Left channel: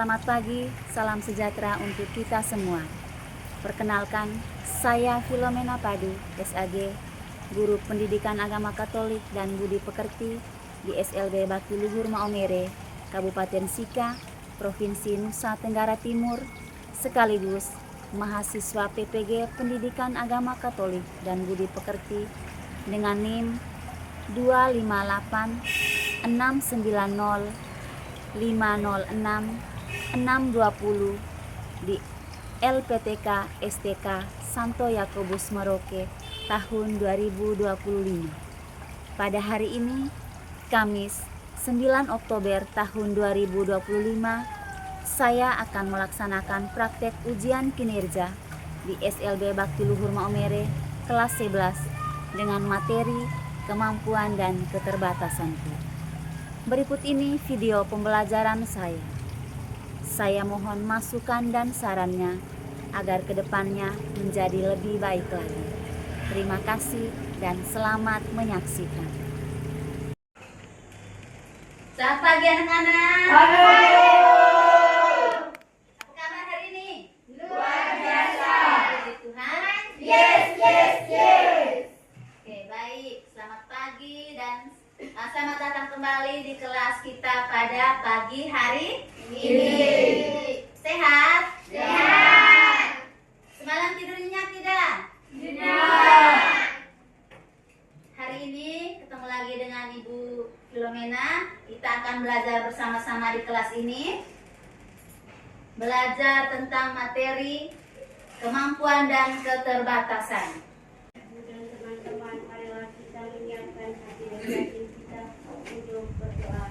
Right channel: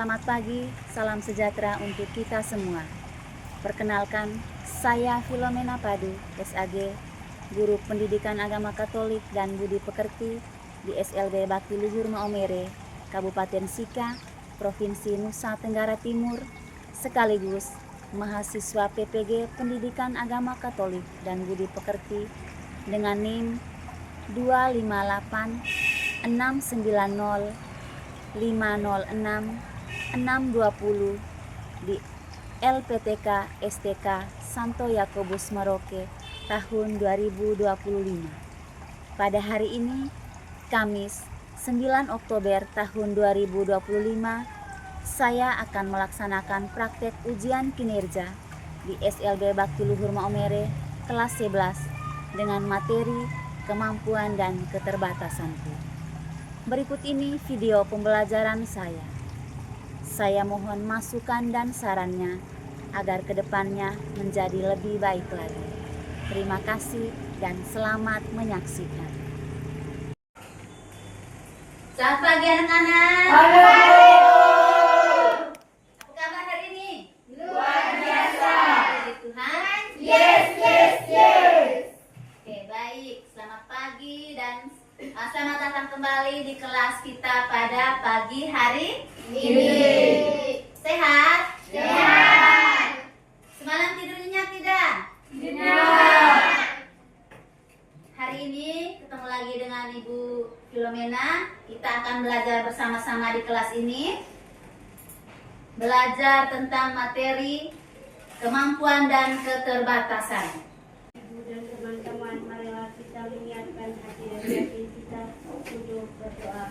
Selamat pagi, salam sejahtera untuk kita semua. Perkenalkan, saya Filomena Padu, SAG, Guru Pendidikan Agama Katolik dan Budi Pekerti di SLB Bakti Luhur Maumere, Kabupaten Sika, Provinsi Nusa Tenggara Timur, sekaligus mahasiswa PPG Pendidikan Agama Katolik dan Budi Pekerti dengan NIM 258 690 506 620 di LPTK STK Santo Yakobus Merauke tahun 2025. Pada hari ini, Kamis 9 Oktober tahun 2025, saya akan melaksanakan praktek ujian kinerja di SLB Bakti Luhur Maumere kelas 11 dengan materi kemampuan dan keterbatasanku. Berikut ini video pembelajaran saya. Saya mohon masukan dan sarannya agar kedepannya menjadi lebih baik lagi. Terima kasih dan selamat menyaksikan. Selamat pagi anak-anak. Halo. Apa kabar hari ini? Luar biasa. Puji Tuhan. Yes, yes, yes. Oke, baik. Selamat pagi dan selamat datang kembali di kelas kita pada pagi hari ini. Sehat? Sehat. Semalam tidur nyenyak tidak? Benar. Hari ini ketemu lagi dengan Ibu Filomena. Kita akan belajar bersama-sama di kelas ini. Belajar tentang materi kemampuan dan keterbatasan. Dan teman-teman, marilah kita menyiapkan hati dan batin kita untuk berdoa.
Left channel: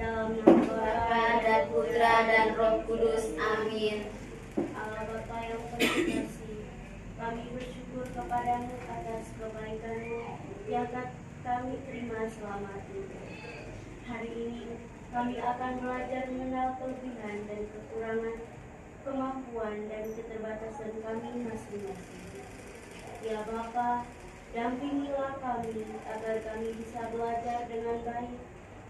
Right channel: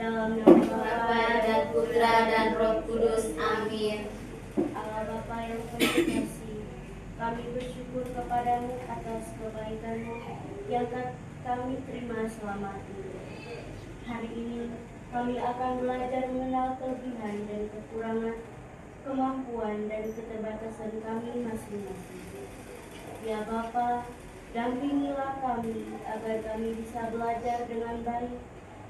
Dalam nama Bapa dan Putra dan Roh Kudus. Amin. Allah Bapa yang penuh kasih, kami bersyukur kepadamu atas kebaikanmu yang kami terima selama ini. Hari ini kami akan belajar mengenal kelebihan dan kekurangan, kemampuan dan keterbatasan kami masing-masing. Ya Bapa, dampingilah kami agar kami bisa belajar dengan baik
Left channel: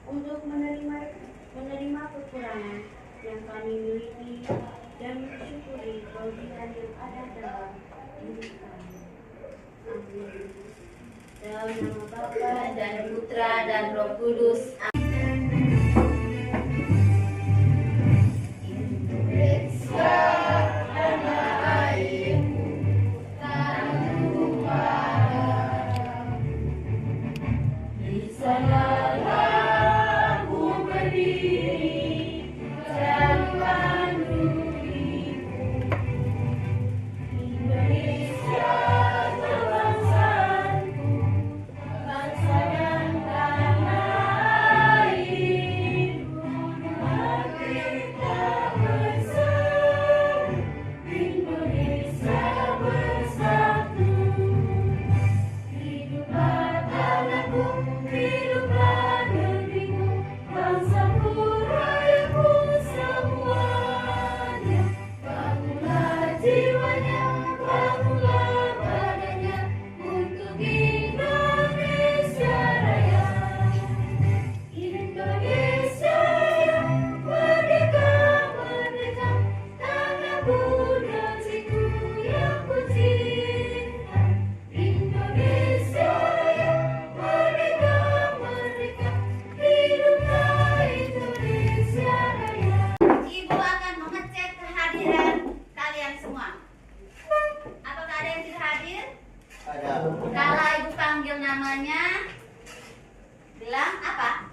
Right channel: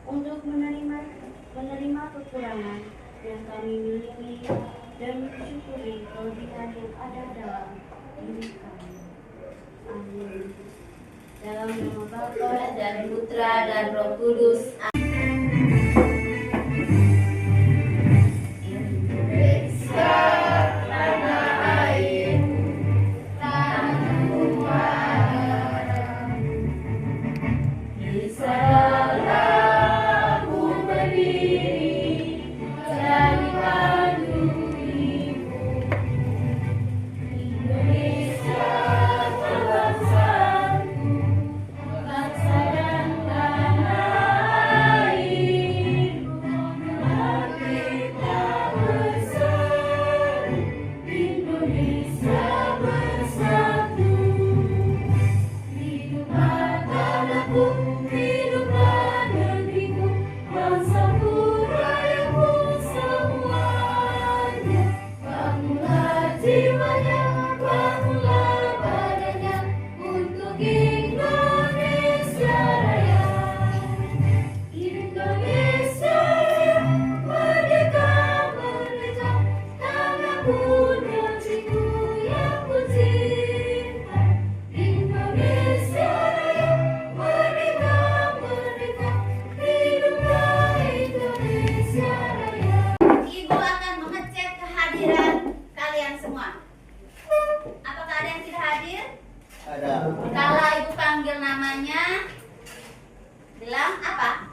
untuk menerima kekurangan yang kami miliki dan mensyukuri kelebihan yang ada dalam hidup kami. Amin. Dalam nama Bapa Dan Putra dan Roh Kudus. Ibu akan mengecek kehadiran kalian semua. Apakah ada yang tidak hadir? Ada. Kalau ibu panggil namanya, bilang apa?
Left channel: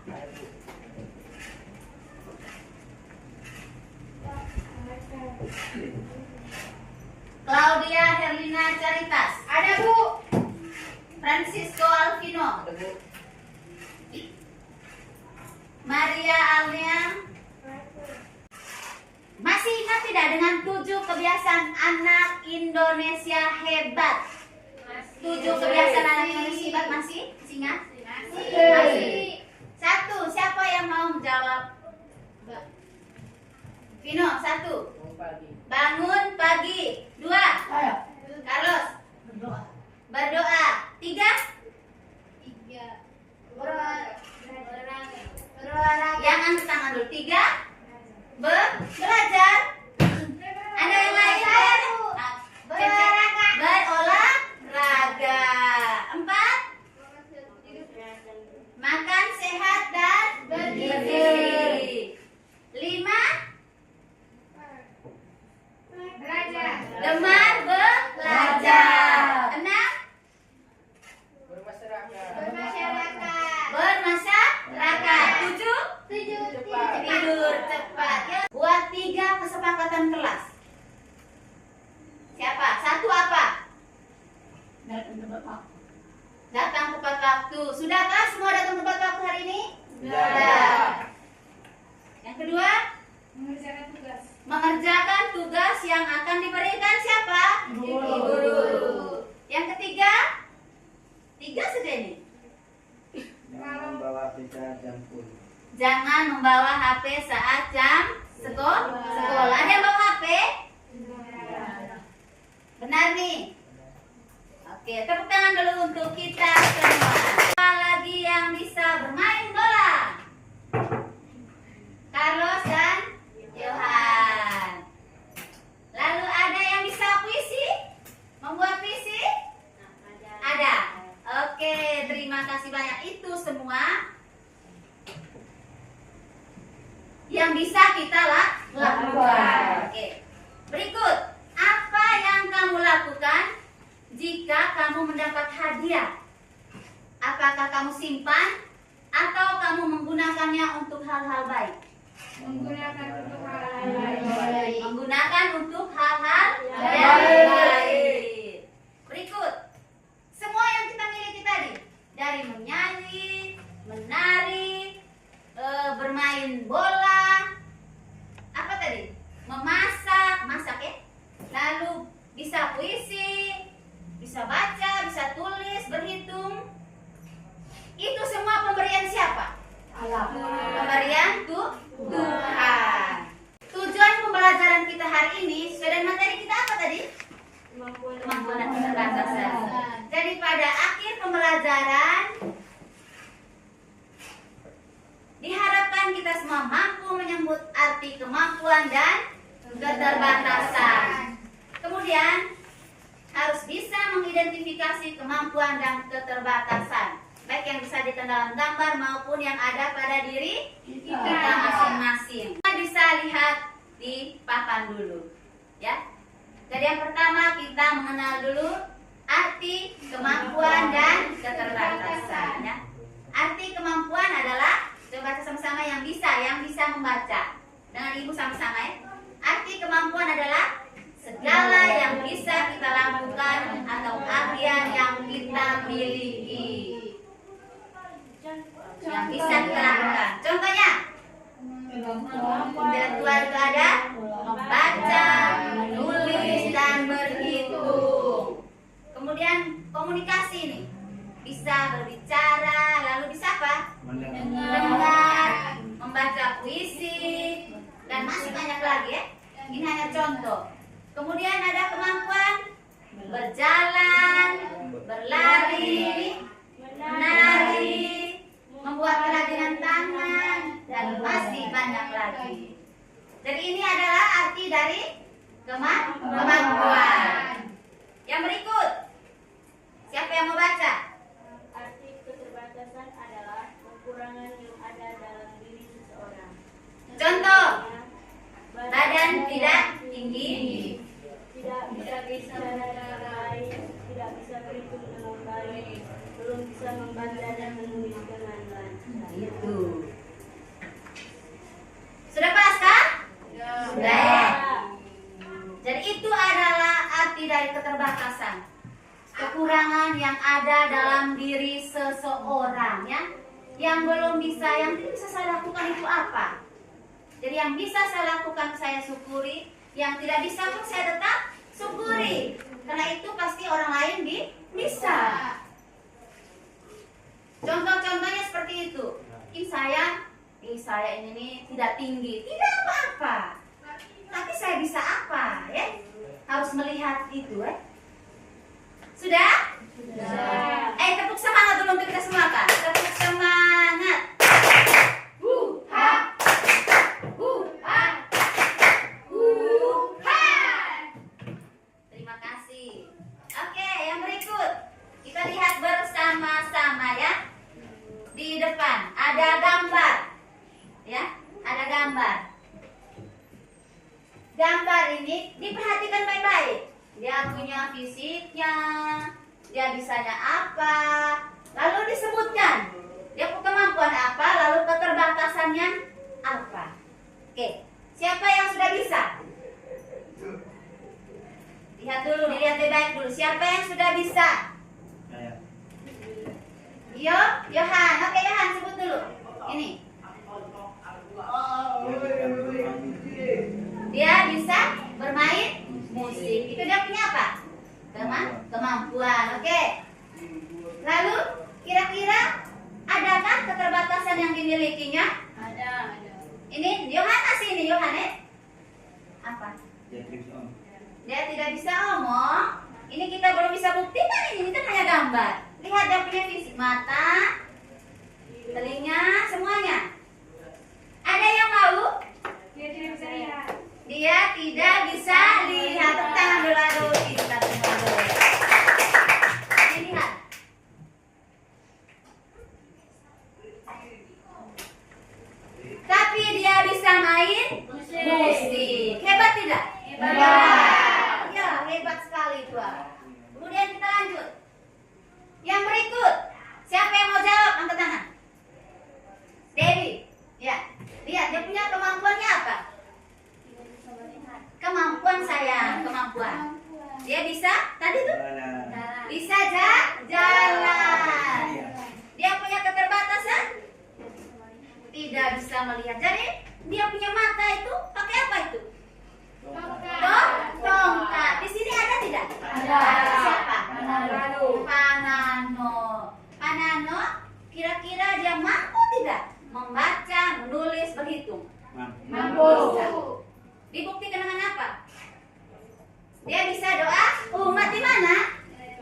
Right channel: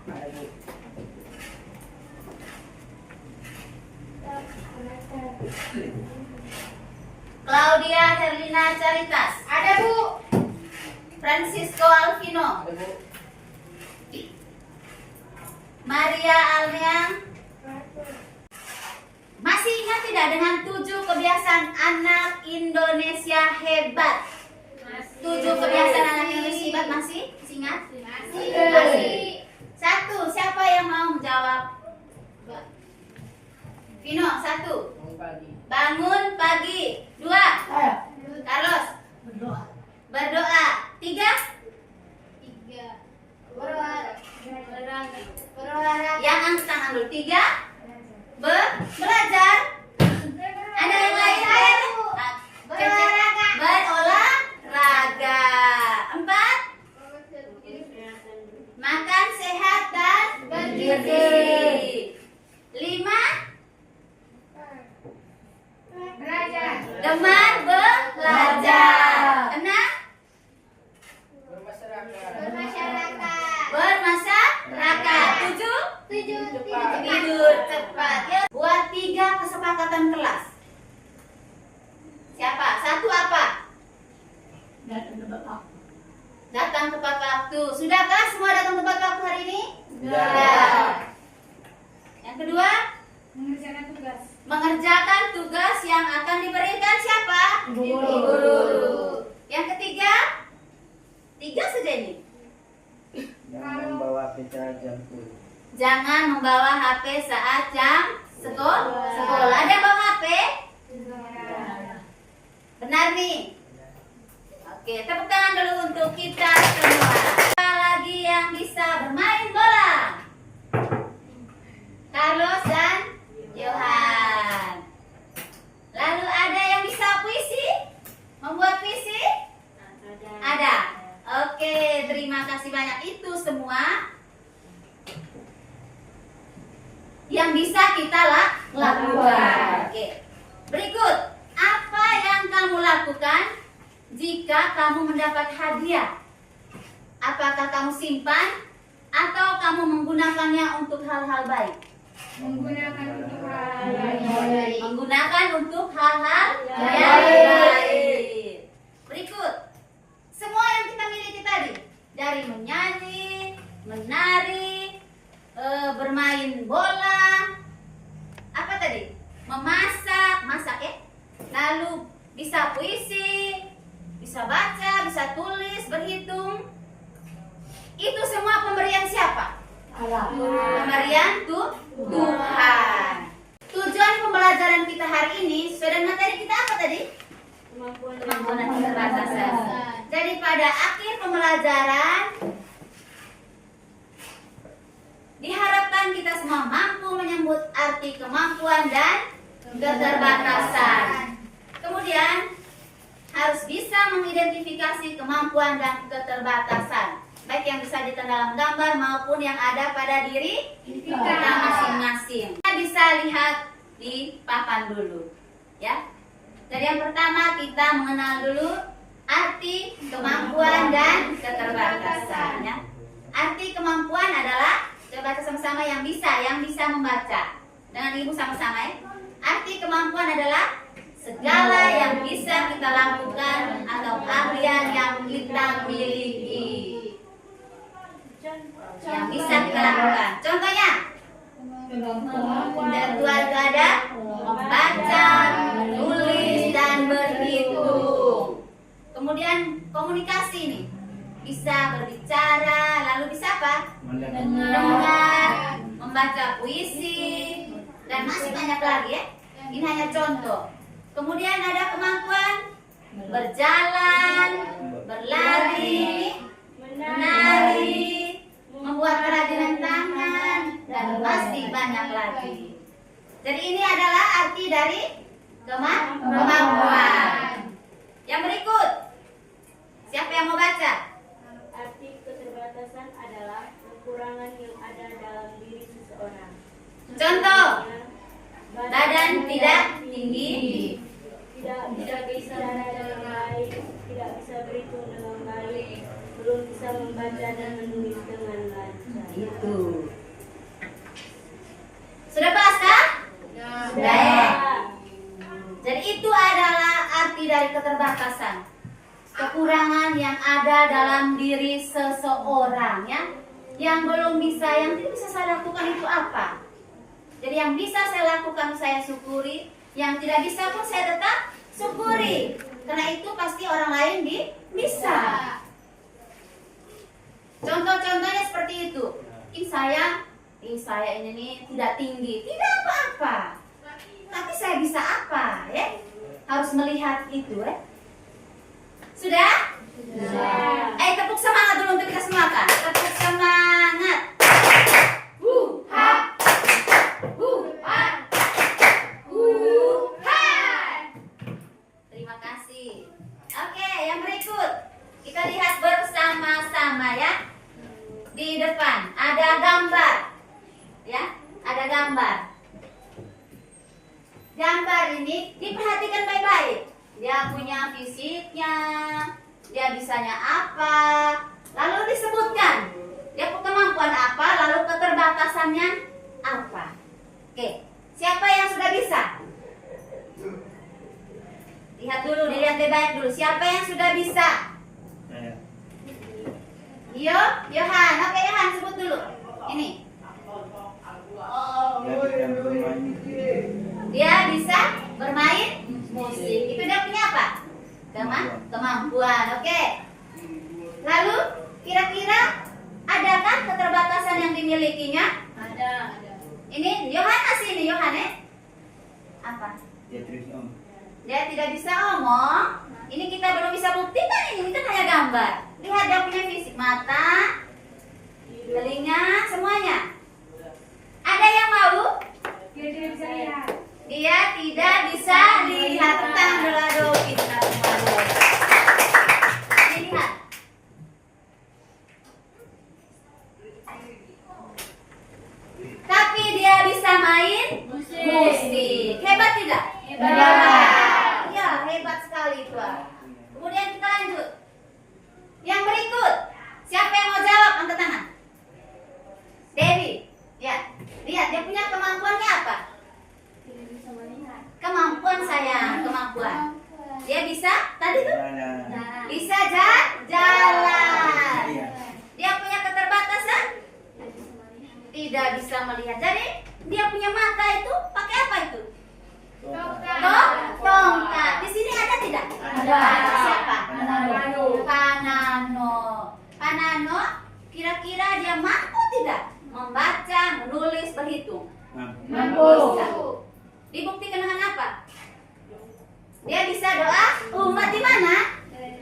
Claudia Herlina Caritas. Ada Bu. Francisco Alvino. Ada, Bu. Maria Alneang. Masih ingat tidak dengan 7 kebiasaan anak Indonesia hebat? 7 kebiasaan anak Indonesia hebat masih ingat? Masih. 1, siapa yang mau menjawab? Vino, 1. Bangun pagi. 2. Carlos. Berdoa. 3. Yang angkat tangan dulu. 3. Belajar. kesepakatan kelas? Siapa? Satu apa? Datang tepat waktu. Sudahkah semua datang tepat waktu hari ini? Sudah. Yang kedua, mengerjakan tugas yang akan diberikan siapa? Guru. Yang ketiga, tiga saja ini. Jangan membawa pikiran jam kuliah. Jangan membawa HP saat jam sekolah. Ada yang bawa HP? Benar nih. Oke, tepuk tangan dulu untuk kita semua. Siapa lagi yang bisa bermain bola? Carlos dan Johan. Lalu ada yang bisa puisi? Membuat puisi? Ada. Oke, terima kasih banyak. Itu semua yang bisa kita lakukan. Oke. Berikut, apa yang kamu lakukan jika kamu mendapat hadiah? Apakah kamu simpan atau kamu menggunakannya untuk hal-hal baik? Menggunakan untuk hal-hal baik. Berikut, semua yang kita miliki tadi, dari menyanyi, menari, bermain bola, apa tadi? Masak ya. Lalu bisa puisi, bisa baca, bisa tulis, berhitung. Itu semua pemberian siapa? Pemberian Tuhan. Tujuan pembelajaran kita hari ini sesuai dengan materi kita apa tadi? Kemampuan dan keterbatasan. Jadi pada akhir pembelajaran diharapkan kita semua mampu menyebut arti kemampuan dan keterbatasan. Kemudian harus bisa mengidentifikasi kemampuan dan keterbatasan, baik yang bisa dilihat dalam gambar maupun yang ada pada diri kita masing-masing. Kita bisa lihat di papan dulu, ya. Jadi yang pertama kita mengenal dulu arti kemampuan dan keterbatasan, ya. Arti kemampuan adalah, coba baca sama-sama yang bisa membaca. Dengan ibu sama-sama ya. Arti kemampuan adalah segala yang bisa kita lakukan atau keahlian yang kita miliki. Yang bisa kita lakukan. Contohnya, intelektual itu ada membaca, menulis, dan berhitung. Kemudian komunikasi nih, bisa berbicara, lalu bisa apa? Mendengar, membaca puisi, dan masih banyak lagi ya. Ini hanya contoh. Kemudian ada kemampuan berjalan, berlari, menari, membuat kerajinan tangan, dan masih banyak lagi. Jadi ini adalah arti dari kemampuan. Yang berikut, siapa yang mau baca? Arti keterbatasan adalah kekurangan yang ada dalam diri seseorang. Contoh, badan tidak tinggi, tidak bisa bicara dengan baik, tidak bisa berhitung dengan baik, belum bisa membaca dan menulis dengan lancar. itu. Sudah paskah? Sudah ya? Jadi itu adalah arti dari keterbatasan. Kekurangan yang ada dalam diri seseorang ya. Yang belum bisa, yang tidak bisa saya lakukan itu apa? Jadi yang bisa saya lakukan saya syukuri, yang tidak bisa pun saya tetap syukuri. Karena itu pasti orang lain bisa. Contoh-contohnya seperti itu. Mungkin saya ini nih tidak tinggi, tidak apa-apa. Tapi saya bisa apa ya? Harus melihat itu ya. Sudah? Sudah. Tepuk semangat dulu untuk kita semua kan? Tepuk semangat. Ha. Terima kasih. Oke, yang berikut kita lihat bersama-sama ya. Di depan ada gambar, ya, ada gambar. Gambar ini diperhatikan baik-baik. Dia punya fisiknya, dia bisanya apa, lalu disebutkan. Dia punya kemampuan apa, lalu keterbatasannya apa. Oke, siapa yang sudah bisa? Lihat dulu, dilihat baik dulu. Siapa yang sudah bisa? Saya. Yohan. Oke, Yohan sebut dulu. Ini. Dia bisa bermain musik. Itu dia punya apa? Kemampuan. Oke. Lalu kira-kira adakah keterbatasan yang dimilikinya? Ada. Ini Yohan masih ini Yohan ya? Apa? Dia trik om. Dia tidak bisa ngomong. Ini kita belum bisa buktikan ini kan hanya gambar. Lihat dia punya fisik mata, telinga, semuanya. Ada yang mau? Dia tidak bisa lihat. Dia tidak bisa lihat. Tangan dulu, aduh, kita semua dulu. Ini lihat. Tapi dia bisa main musik. Hebat tidak? Hebat. Ya, hebat sekali itu. Kemudian kita lanjut. Yang berikut, siapa yang mau jawab? Angkat tangan. Dewi. Ya, lihat dia punya kemampuannya apa? Tidak bisa melihat. Kemampuan sayang, kemampuan. Dia bisa tadi tuh Jalan. bisa jalan. Iya. Dia punya keterbatasan Tidak bisa melihat. tidak bisa melihat. Jadi dia punya mata itu pakai apa itu? Tongkat. Di sini ada tidak? Ada. Siapa? Panano. Panano. Kira-kira dia mampu tidak membaca, menulis, berhitung? Mampu. Bisa. Dibuktikan dengan apa? Dia bisa doa umat di mana?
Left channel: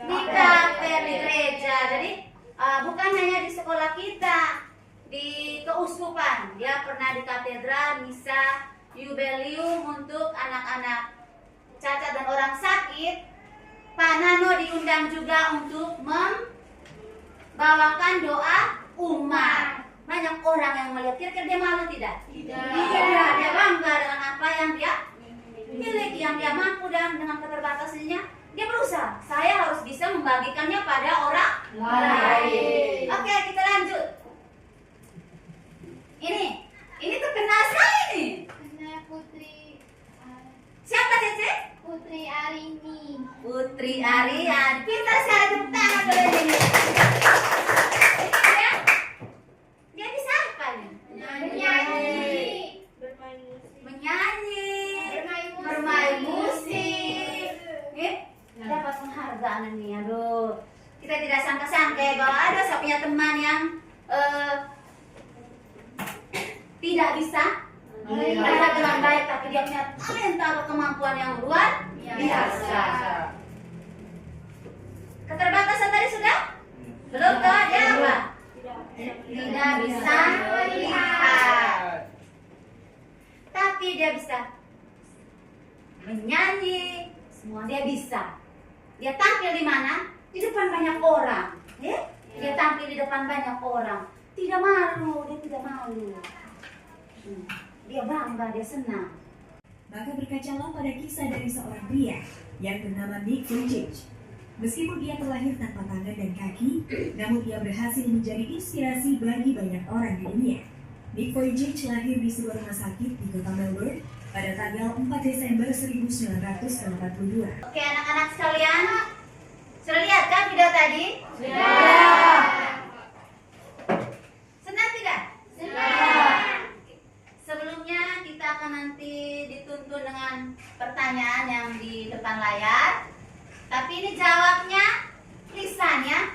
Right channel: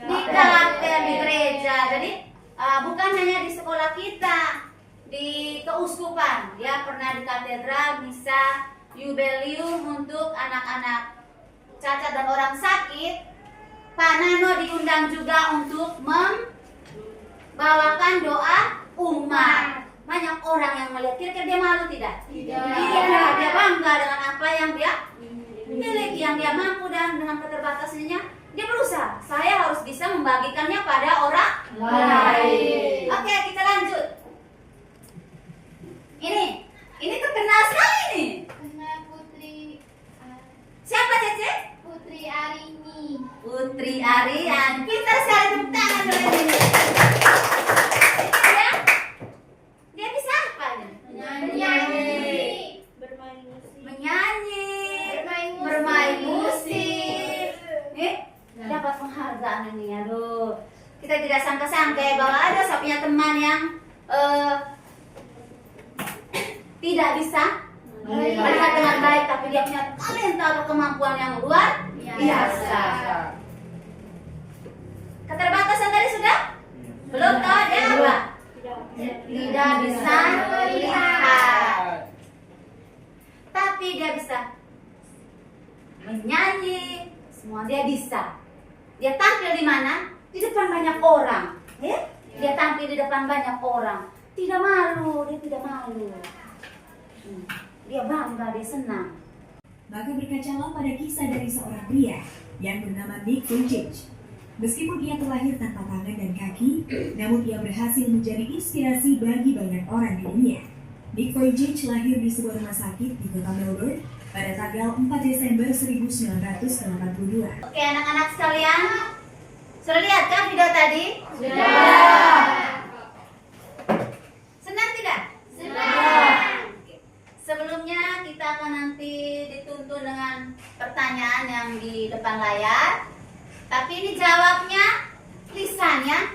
Di kapel, di gereja. Jadi bukan hanya di sekolah kita, di keuskupan. Dia pernah di katedral, misa, jubileum untuk anak-anak cacat dan orang sakit. Pak Nano diundang juga untuk membawakan doa umat. Banyak orang yang melihat. Kira-kira dia malu tidak? Tidak. Dia bangga dengan apa yang dia miliki, yang dia mampu, dan dengan keterbatasannya dia berusaha. Saya harus bisa membagikannya pada orang lain. Oke, kita lanjut. Ini terkenal sekali nih. Benar Putri Siapa Cece? Putri Arini. Putri Arian. Kita sekali tepuk tangan dulu ini. Dia bisa apa nih? Menyanyi. Bermain musik. Menyanyi, Bermain musik. bermain musik. Dapat penghargaan ini. Aduh, kita tidak sangka-sangka ya bahwa ada saya punya teman yang tidak bisa melihat dengan baik, tapi dia punya talenta atau kemampuan yang luar biasa. Keterbatasan tadi sudah? Belum tahu ada apa? Tidak bisa melihat, tapi dia bisa menyanyi. Semua dia bisa. Dia tampil di mana? Di depan banyak orang. Ya? Dia tampil di depan banyak orang. Tidak malu, dia tidak malu. Dia bangga, dia senang. Maka berkacalah pada kisah dari seorang pria yang bernama Nick Vujicic. Meskipun ia terlahir tanpa tangan dan kaki, namun ia berhasil menjadi inspirasi bagi banyak orang di dunia. Nick Vujicic lahir di sebuah rumah sakit di kota Melbourne pada tanggal 4 Desember 1982. Oke, anak-anak sekalian, sudah lihat kan video tadi? Sudah. Senang tidak? Sudah. Sebelumnya kita akan nanti dituntun dengan pertanyaan yang di depan layar. Tapi ini jawabnya lisan ya.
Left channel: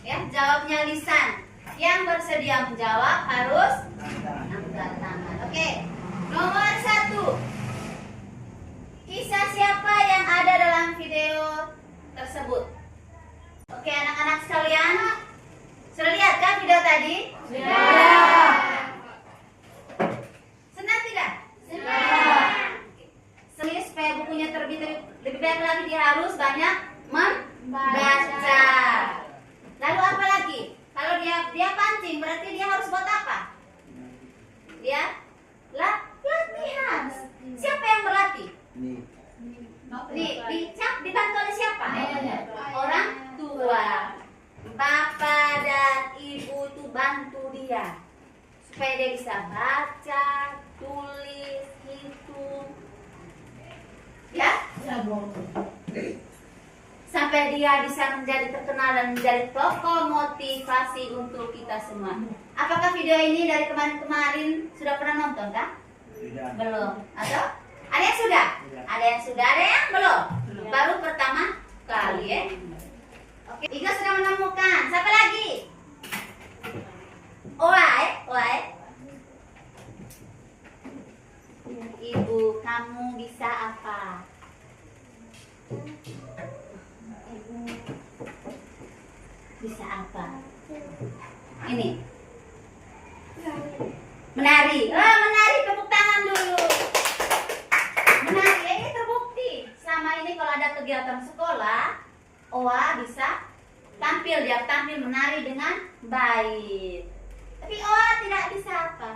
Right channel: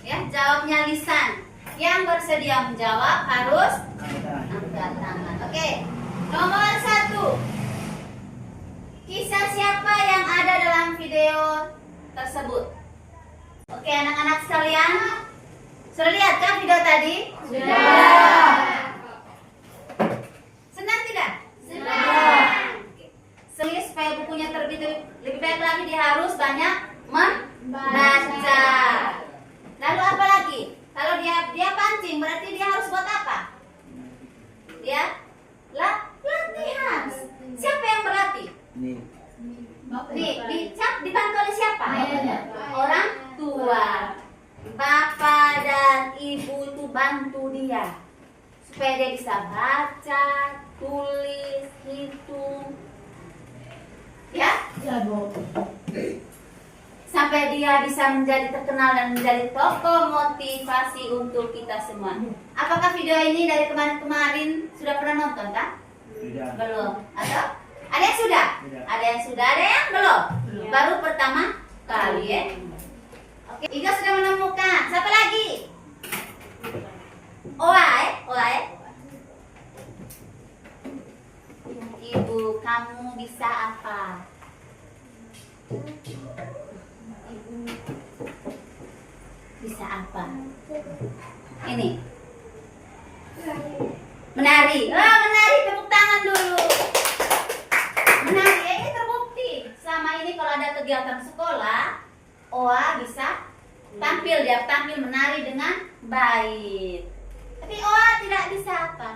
Ya, jawabnya lisan. Yang bersedia menjawab harus angkat tangan. Oke. Nomor 1. Kisah siapa yang ada dalam video tersebut? Oke, anak-anak sekalian, sudah lihat kan video tadi? Sudah. Senang tidak? Sudah. Oke. Supaya bukunya terbit lebih baik lagi, dia harus banyak membaca. Lalu apa lagi? Kalau dia pancing, berarti dia harus buat apa? Dia latihan. Siapa yang berlatih? Dibantu oleh siapa? Orang tua. Bapak dan ibu itu bantu dia supaya dia bisa baca, tulis, hitung. Ya? sampai dia bisa menjadi terkenal dan menjadi tokoh motivasi untuk kita semua. Apakah video ini dari kemarin-kemarin sudah pernah nonton kah? Tidak. Belum. Atau ada yang sudah? Tidak. Ada yang sudah, ada yang belum? Baru pertama kali ya. Oke, Iga sudah menemukan. Siapa lagi? Oai. Ibu, kamu bisa apa? Ibu bisa apa? Ini. Menari. Menari, tepuk tangan dulu. Menari, ini terbukti. Selama ini kalau ada kegiatan sekolah, Oa bisa tampil, dia tampil menari dengan baik. Tapi Oa tidak bisa apa?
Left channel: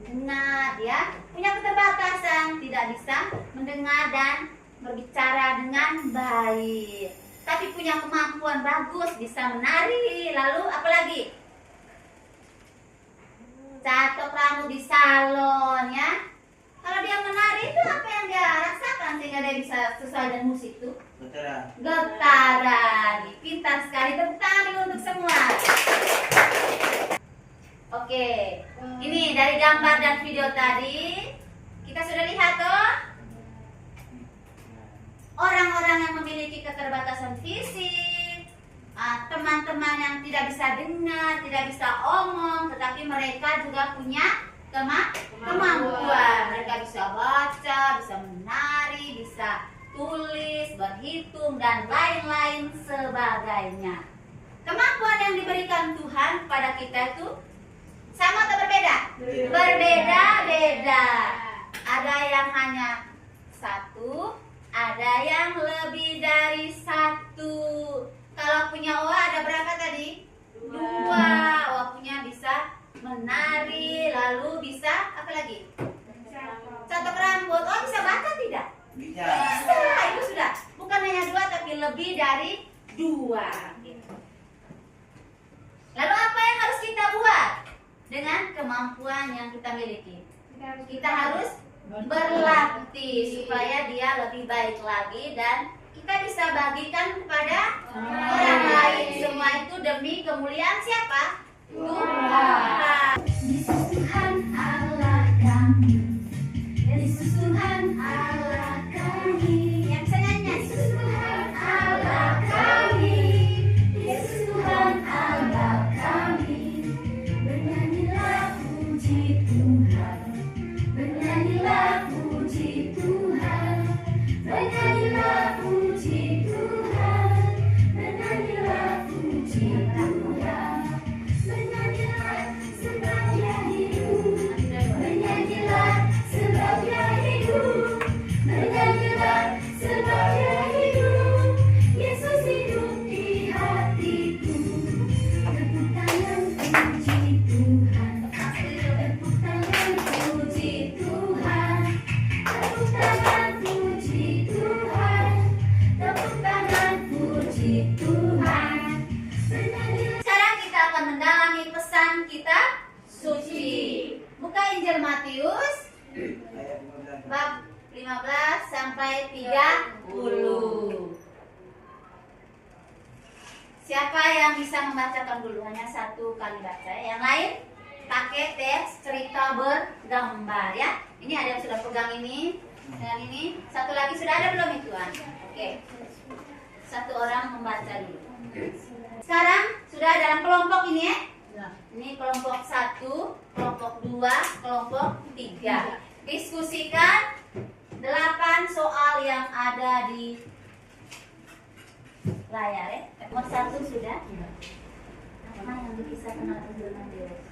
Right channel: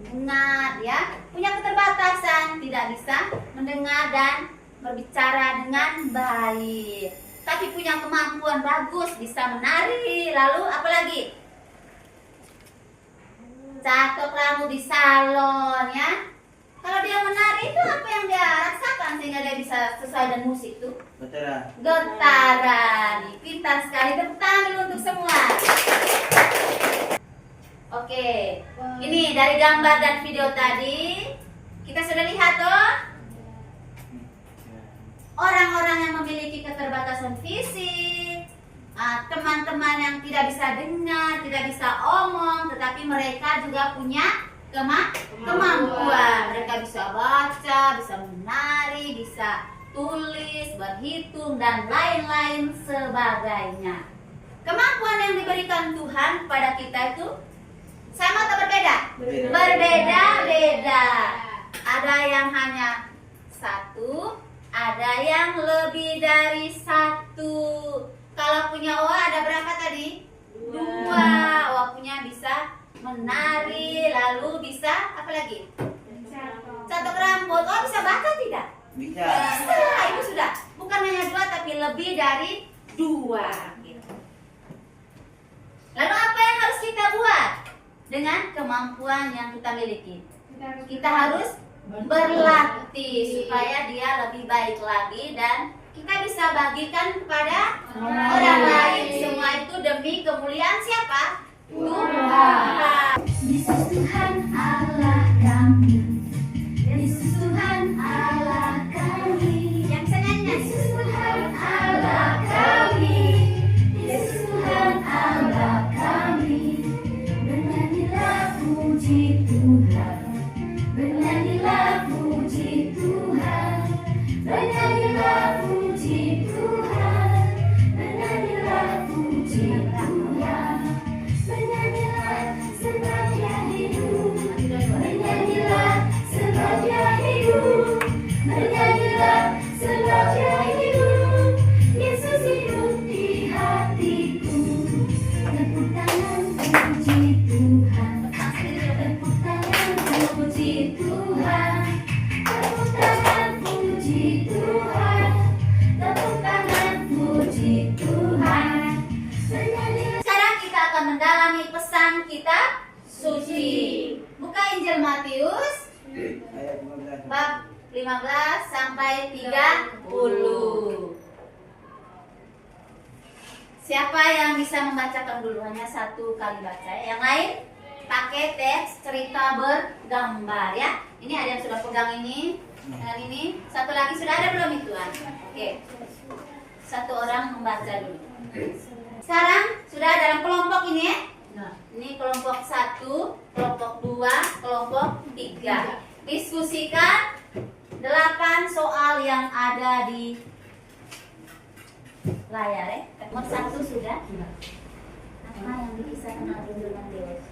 Dengar, ya, punya keterbatasan, tidak bisa mendengar dan berbicara dengan baik. Tapi punya kemampuan bagus, bisa menari. Lalu apa lagi? Catok rambut di salon, ya. Kalau dia menari itu apa yang dia rasakan sehingga dia bisa sesuai dengan musik tuh? Getaran. Pintar sekali, tepuk tangan dulu untuk semua. Oke, ini dari gambar dan video tadi kita sudah lihat tuh orang-orang yang memiliki keterbatasan fisik, teman-teman yang tidak bisa dengar, tidak bisa omong, tetapi mereka juga punya kemampuan. Mereka bisa baca, bisa menari, bisa tulis, berhitung, dan lain-lain sebagainya. Kemampuan yang diberikan Tuhan kepada kita itu sama atau berbeda? Berbeda-beda. Ada yang hanya satu, ada yang lebih dari satu. Kalau punya Oa ada berapa tadi? Dua. Oa punya bisa menari, lalu bisa apa lagi? Catok rambut. Oa bisa baca tidak? Bisa. Bisa. Itu sudah. Bukan hanya dua, tapi lebih dari dua. Gitu. Lalu apa yang harus kita buat dengan kemampuan yang kita miliki? Kita harus berlatih supaya dia lebih baik lagi dan kita bisa bagikan kepada orang lain. Semua itu demi kemuliaan siapa? Tuhan. Yesus Tuhan Allah kami, Yesus Tuhan Allah kami, Yang bisa nyanyi. Yesus Tuhan Allah kami, Yesus Tuhan Allah kami. Bernyanyilah puji Tuhan, bernyanyilah puji Tuhan, bernyanyilah puji Tuhan, bernyanyilah puji Tuhan, bernyanyilah sebab Dia hidup, bernyanyilah sebab Dia hidup, bernyanyilah sebab Dia hidup, Yesus hidup di hatiku. Tepuk tangan puji Tuhan, tepuk tangan puji Tuhan, tepuk tangan puji Tuhan, tepuk tangan puji Tuhan. Bernyanyilah. Sekarang kita akan mendalami pesan kitab suci. Buka Injil Matius Ayat 15. bab 15 sampai 30. Siapa yang bisa membacakan dulu? Hanya satu kali baca. Yang lain pakai teks cerita bergambar ya. Ini ada yang sudah pegang ini dengan ini. Satu lagi sudah ada belum itu? Oke. Satu orang membaca dulu. Sekarang sudah dalam kelompok ini ya. Ini kelompok 1, kelompok 2, kelompok 3. Diskusikan 8 soal yang ada di layar ya. Nomor 1 sudah. Apa yang dikisahkan oleh Injil Matius?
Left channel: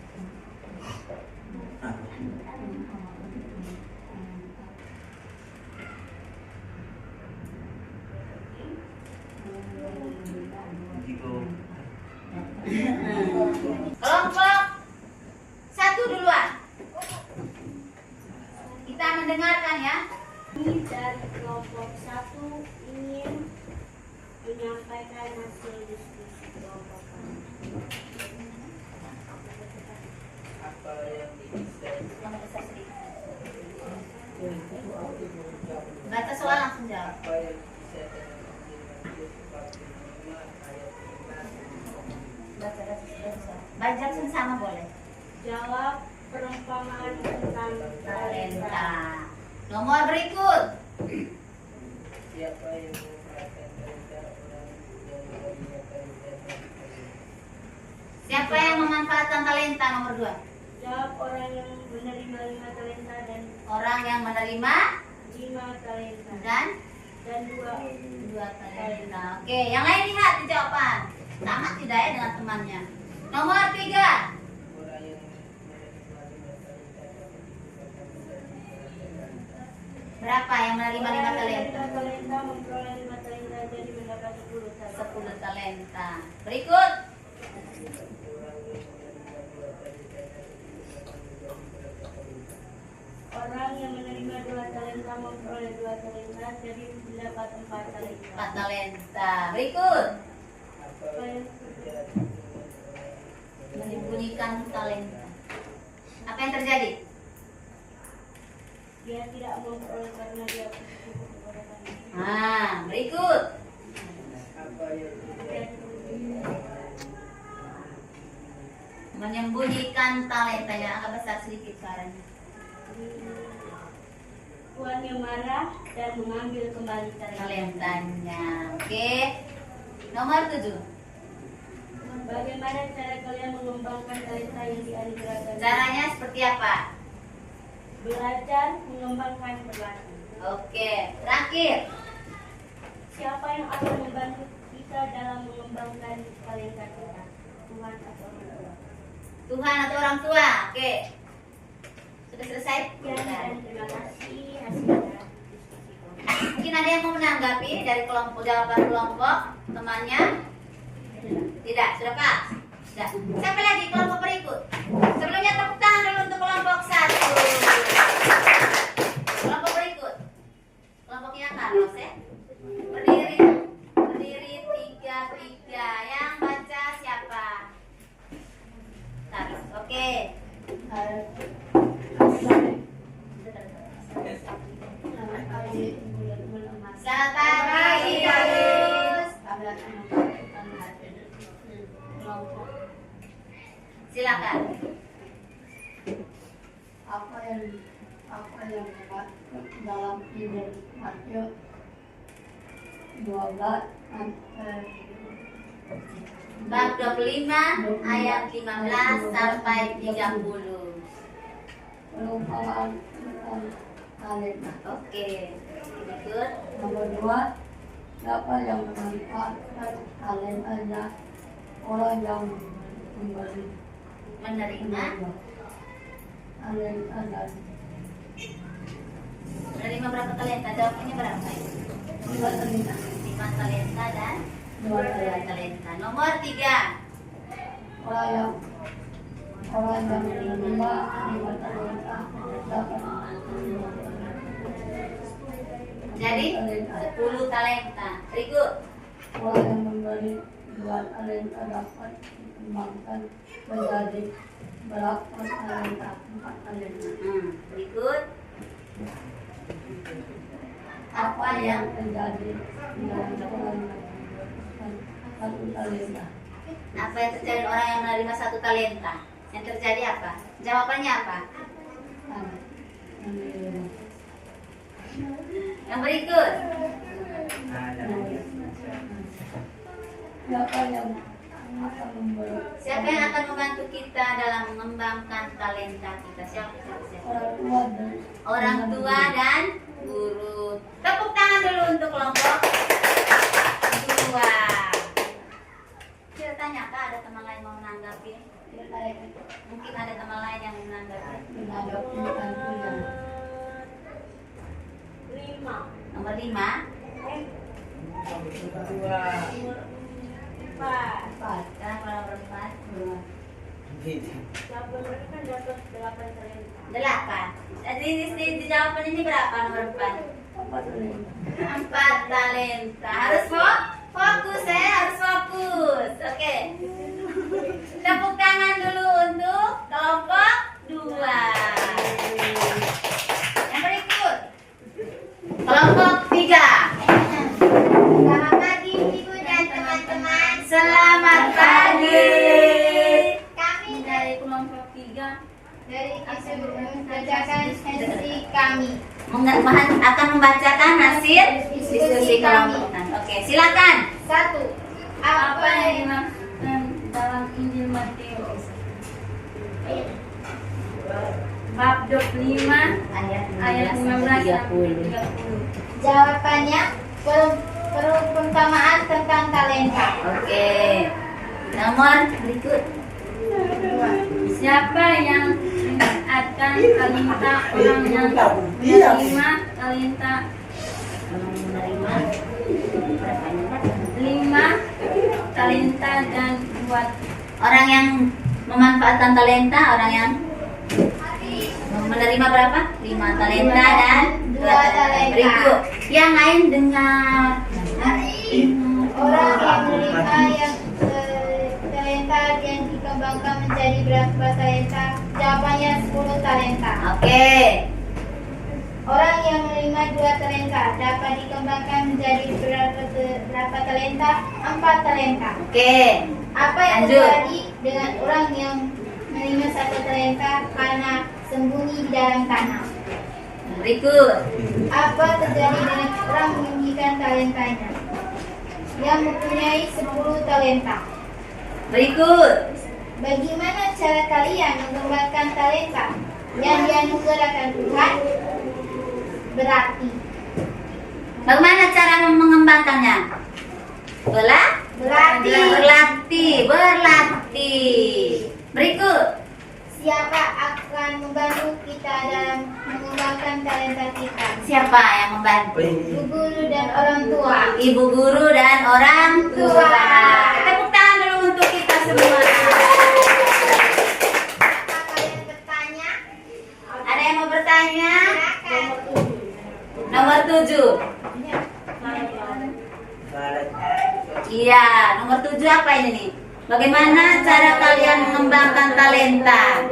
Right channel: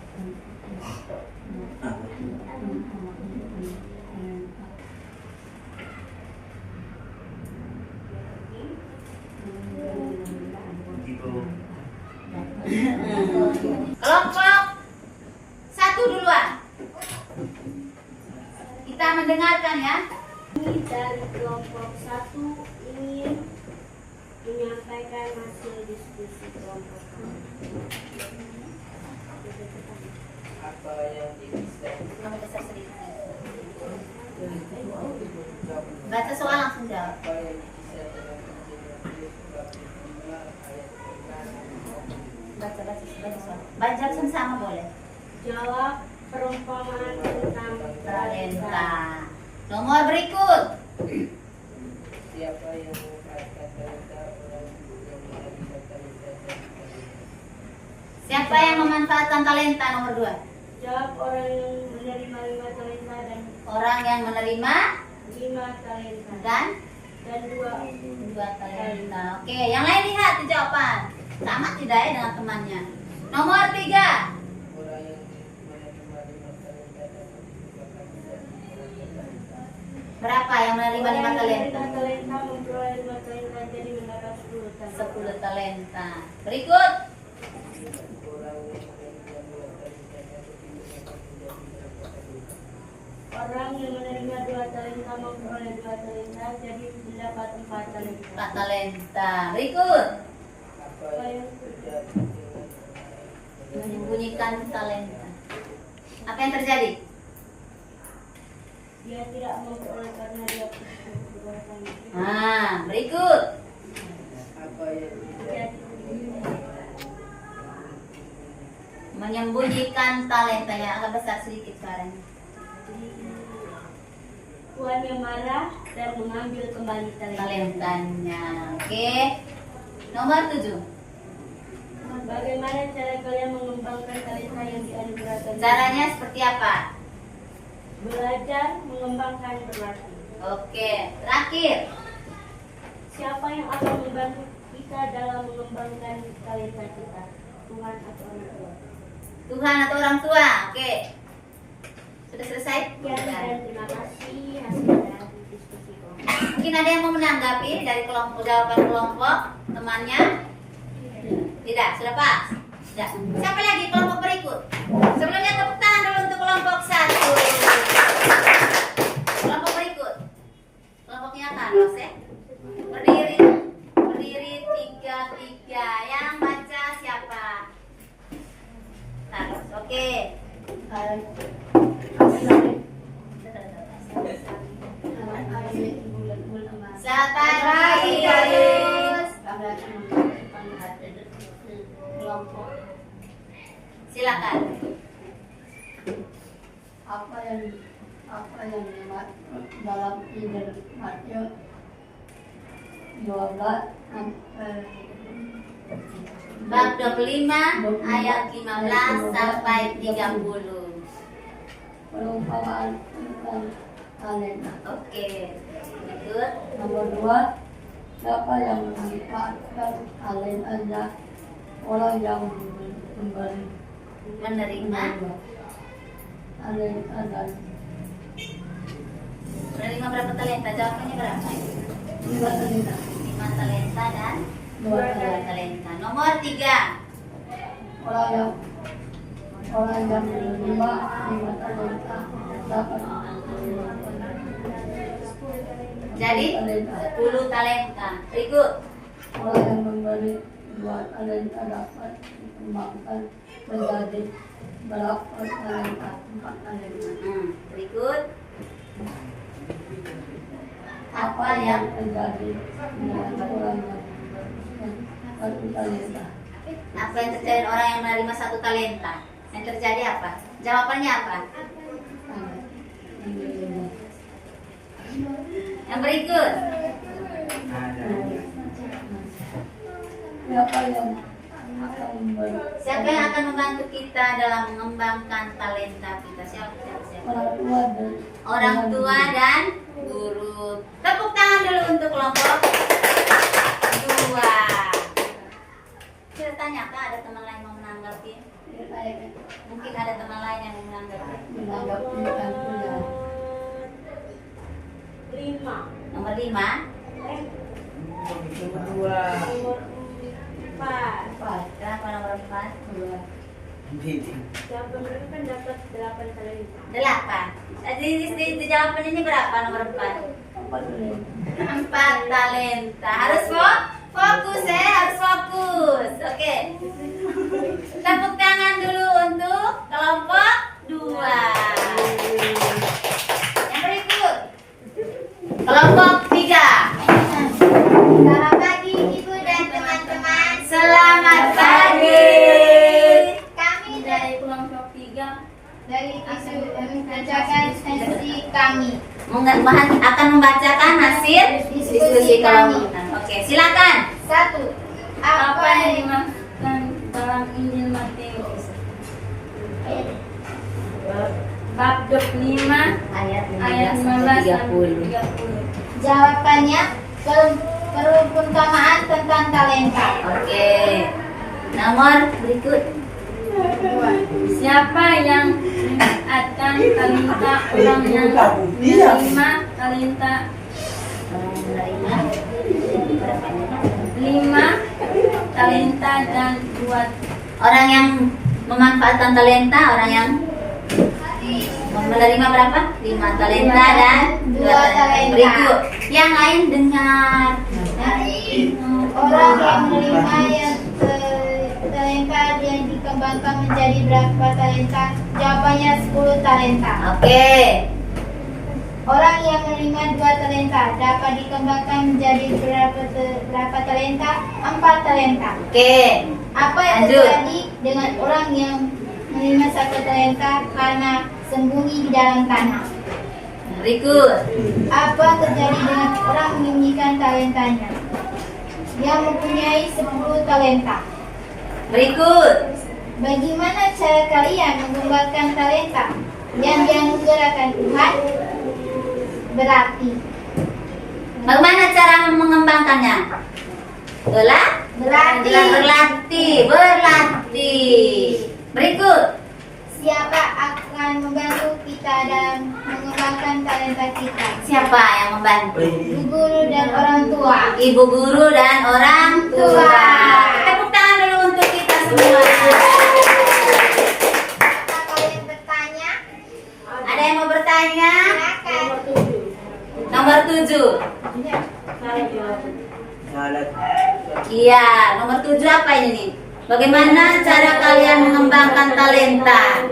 Kelompok 1 duluan. Kita mendengarkan ya. Kami dari kelompok 1 ingin menyampaikan hasil diskusi kelompok kami. Apa yang bisa Kami besar sedikit. Baca soal langsung jawab. apa yang bisa dengan Injil Matius Baca sama boleh. Jawab perumpamaan tentang Talenta. Nomor berikut. Siapa yang memanfaatkan talenta orang yang menerima talenta dan Siapa yang memanfaatkan talenta? Nomor 2. Jawab orang yang menerima 5 talenta dan Orang yang menerima 5 talenta dan dan 2 talenta. Oke, yang lain lihat di jawaban. Sama tidak ya dengan temannya? Nomor 3. orang yang menerima 5 talenta dan 2 talenta. Berapa yang menerima 5 talenta? 5 talenta memperoleh 5 talenta jadi mendapat 10 talenta. 10 talenta. Berikut. Orang yang menerima 2 talenta memperoleh 2 talenta jadi mendapat 4 talenta. 4 talenta. Berikut. Apa yang terjadi dengan orang yang Menyembunyikan talenta. Apa yang terjadi? Dia tidak memperoleh karena dia cukup kekuatan. Nah, berikut. apa yang terjadi Menyembunyikan talentanya. Agak besar sedikit suaranya. Tuannya marah dan mengambil kembali talenta. Talentanya. Oke. Nomor 7. Bagaimana cara kalian mengembangkan talenta yang dianugerahkan? Caranya seperti apa? Belajar, mengembangkan, berlatih. Oke. Terakhir. Siapa yang akan membantu kita dalam mengembangkan talenta kita? Tuhan atau orang tua? Tuhan atau orang tua. Oke. Sudah selesai? Sekian dan terima kasih hasil dari diskusi kami. Mungkin ada yang mau menanggapi dari kelompok jawaban kelompok temannya? Tidak, sudah pas. Sudah. Siapa lagi kelompok berikut? Sebelumnya tepuk tangan dulu untuk kelompok 1. Kelompok berikut. Kelompoknya Carlos ya. Berdiri 3-3. Yang baca siapa? Carlos. Oke. Selamat pagi, Carlos. Silakan. Apa yang dalam Injil Matius 12 Bab 25 ayat 15 sampai 30. perumpamaan tentang talenta. Oke. Berikut. Nomor 2, siapa yang memanfaatkan talentanya? Orang yang memberi Menerima talenta dan menerima berapa talenta? Jawabannya berapa? 2 talenta. 5 talenta dan 2 2 talenta. talenta. Nomor 3. Orang yang menerima 5 talenta dapat Jadi talenta. 10 talenta. Berikut. Orang yang memberi 2 talenta dapat dikembangkan menjadi berapa talenta? 4 talenta. Berikut. Apa yang terjadi dengan orang yang satu talenta? Apa yang terjadi dengan orang yang menerima 1 talenta? Yang terjadi apa? Jawabannya apa? Yang berikut. Siapa yang akan memberi? Siapa yang akan membantu kita dalam mengembangkan talenta kita? Siapa? Orang tua dan Orang tua dan guru. Tepuk tangan dulu untuk kelompok 2. Kita tanya, Kak, ada teman lain mau menanggapi? Mungkin ada teman lain yang menanggapi. menanggapi tentunya. 5. Nomor 5. dua Nomor 4. Kenapa nomor 4? Jawaban mereka kan dapat 8 talenta. 8. Di jawaban ini berapa nomor 4? 4 talenta. Harus fokus ya, harus fokus. Oke. Tepuk tangan dulu untuk kelompok 2. Yang berikut. Kelompok 3. Selamat pagi Ibu dan teman-teman. Selamat pagi. akan membacakan hasil diskusi kelompok. Oke, silakan. 1. Apa yang dimaksudkan dalam Injil Matius? Bab 25 ayat 15 sampai 30. Jawabannya perumpamaan tentang talenta. Oke. Nomor berikut. Siapa yang akan talenta orang yang menerima talenta Menerima berapa? 5 talenta dan 2 Orang yang memanfaatkan talenta, orang yang menerima berapa? 5 talenta dan 2 talenta. Berikut. Yang lain dengar. Orang yang menerima yang talenta yang dikembangkan menjadi berapa talenta? Jawabannya 10 talenta. Oke. Orang yang menerima 2 talenta dapat dikembangkan menjadi berapa talenta? 4 talenta. Oke. Apa yang Lanjut. terjadi dengan orang yang menerima 1 talenta karena sembunyi di dalam tanah? Berikut. Apa terjadi dengan orang menyembunyikan talentanya? Yang mempunyai 10 talenta. Berikut. Bagaimana cara kalian mengembangkan talenta yang dianugerahkan Tuhan? Berarti Bagaimana cara mengembangkannya? Berlatih. Berikut. siapa akan membantu kita dalam mengembangkan talenta kita? Siapa yang membantu? Ibu guru dan orang tua. Ibu guru dan orang tua. Tepuk tangan dulu untuk kita semua. Apakah kalian bertanya? Ada yang mau bertanya? Silakan. Nomor 7. Iya, nomor 7 apa ini nih? Bagaimana cara kalian mengembangkan talenta?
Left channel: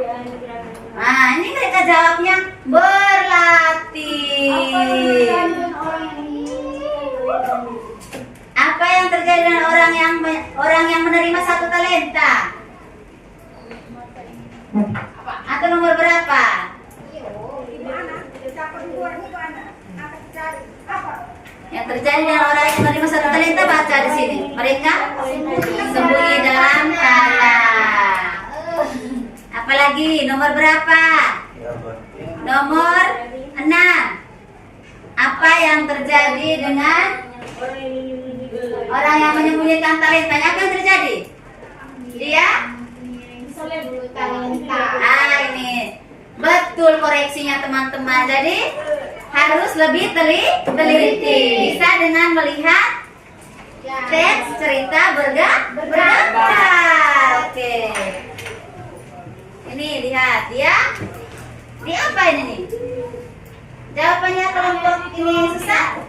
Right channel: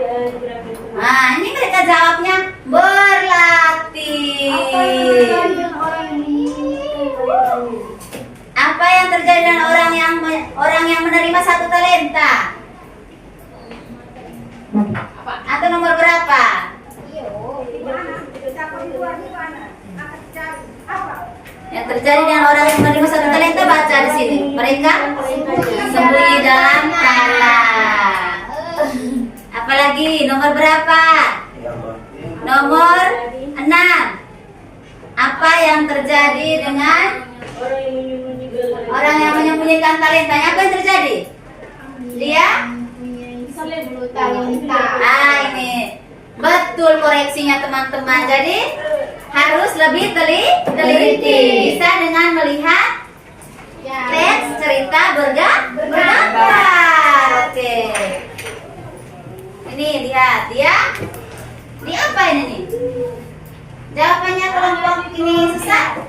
Nah, ini mereka jawabnya berlatih. Apa yang terjadi dengan orang yang menerima 1 talenta? Atau nomor berapa? Yang terjadi dengan orang yang menerima 1 talenta, baca di sini. Mereka sembunyi dalam tanah. Apalagi nomor berapa? Nomor 6. Apa yang terjadi dengan orang yang menyembunyikan talentanya? Apa yang terjadi? Dia? Talenta. Ini betul koreksinya teman-teman. Jadi harus lebih teliti. Bisa dengan melihat teks cerita bergambar. Oke. Ini lihat dia. Ini apa ini nih? Jawabannya kelompok ini susah.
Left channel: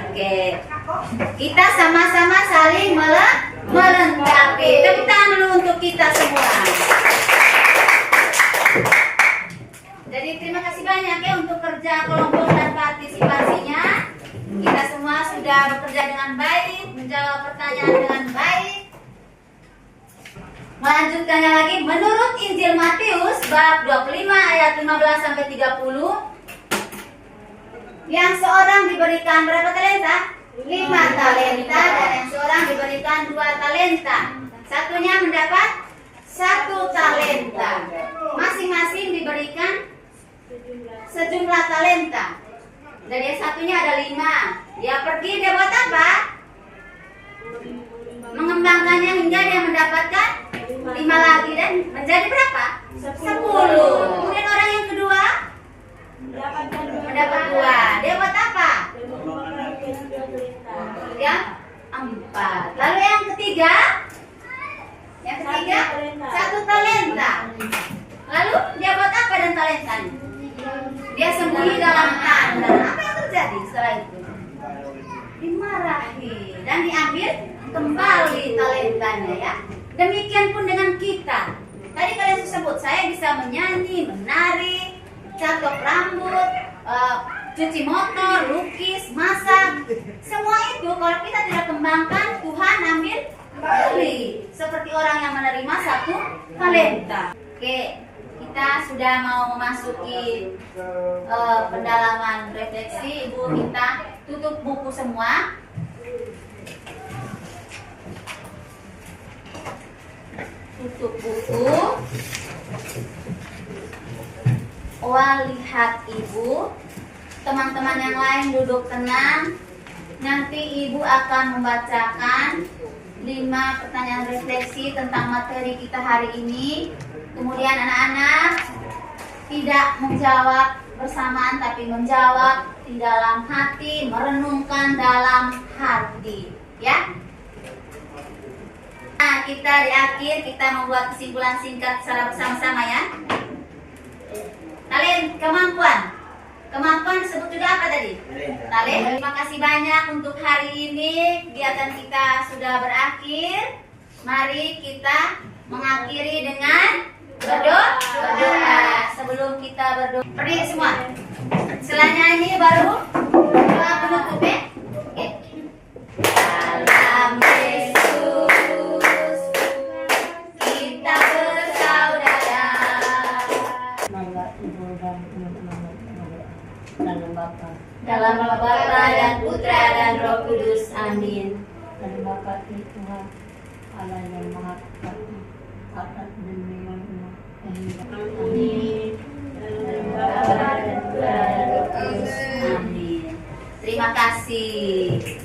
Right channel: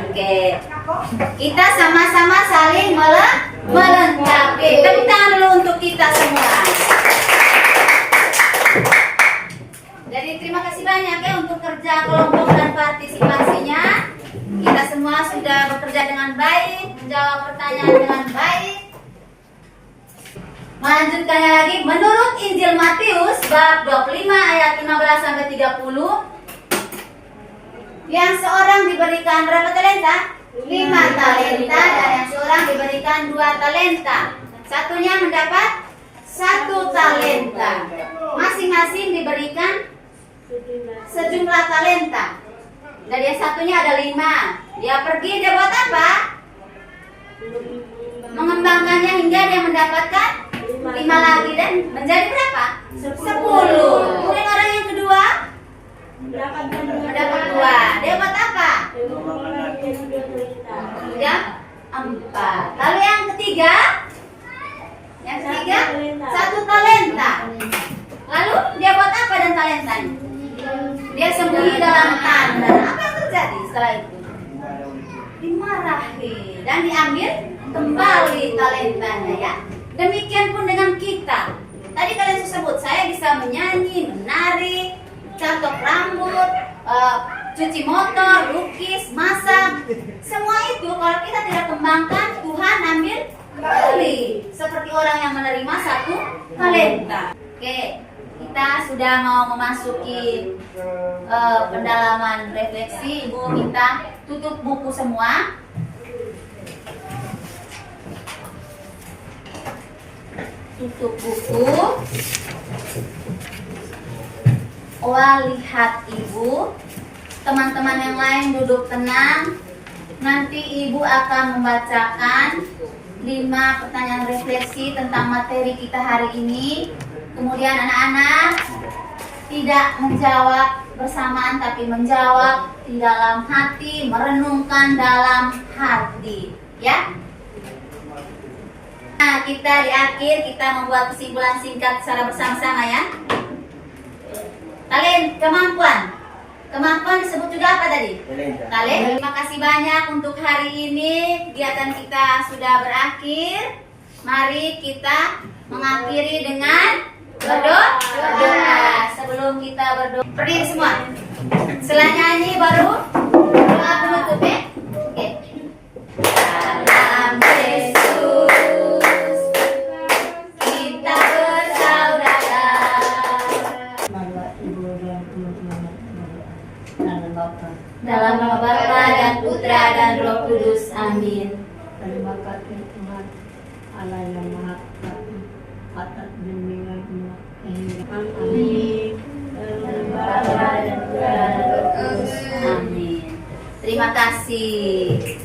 Oke. Kita sama-sama saling melengkapi. Tepuk tangan dulu untuk kita semua. Jadi terima kasih banyak ya untuk kerja kelompok dan partisipasinya. Kita semua sudah bekerja dengan baik, menjawab pertanyaan dengan baik. Melanjutkan lagi, menurut Injil Matius bab 25 ayat 15 sampai 30, yang seorang diberikan berapa talenta? 5 talenta, dan yang seorang diberikan 2 talenta. Satunya mendapat 1 talenta. Masing-masing diberikan sejumlah talenta. Dari yang satunya ada 5. Dia pergi, dia buat apa? Mengembangkannya hingga dia mendapatkan 5 lagi dan menjadi berapa? 10. Kemudian orang yang kedua mendapat 2. Dia buat apa? Yang 4. Lalu yang ketiga? Yang ketiga 1 talenta. Lalu dia buat apa dan talentanya? Dia sembunyi dalam tanah. Apa yang terjadi setelah itu? Dimarahi dan diambil kembali talentanya ya. Demikian pun dengan kita. Tadi kalian sebut saya bisa menyanyi, menari, catok rambut, cuci motor, lukis, masak. Semua itu kalau kita tidak kembangkan, Tuhan ambil kembali. Seperti orang yang menerima 1 talenta. Oke, kita sudah mau memasuki pendalaman refleksi. Ibu minta tutup buku semua. Tutup buku. Lihat Ibu. Teman-teman yang lain duduk tenang. Nanti Ibu akan membacakan 5 pertanyaan refleksi tentang materi kita hari ini. Kemudian anak-anak tidak menjawab bersamaan tapi menjawab di dalam hati, merenungkan dalam hati, ya. Nah, kita di akhir kita membuat kesimpulan singkat secara bersama-sama ya. Talent, kemampuan. Kemampuan disebut juga apa tadi? Talent. Terima kasih banyak untuk hari ini. Kegiatan kita sudah berakhir. Mari kita mengakhiri dengan berdoa. Sebelum kita berdoa, berdiri semua. Setelah nyanyi baru doa penutup ya. Oke. Dalam Yesus kita bersaudara. Nama Ibu dan teman-teman dalam Bapa Dalam nama Bapa dan Putra dan Roh Kudus. Amin. dan Bapa Tuhan Allah yang Maha Kuasa atas dunia kehidupan. Amin. Dalam Bapa dan Putra dan Roh Kudus. Amin. Terima kasih.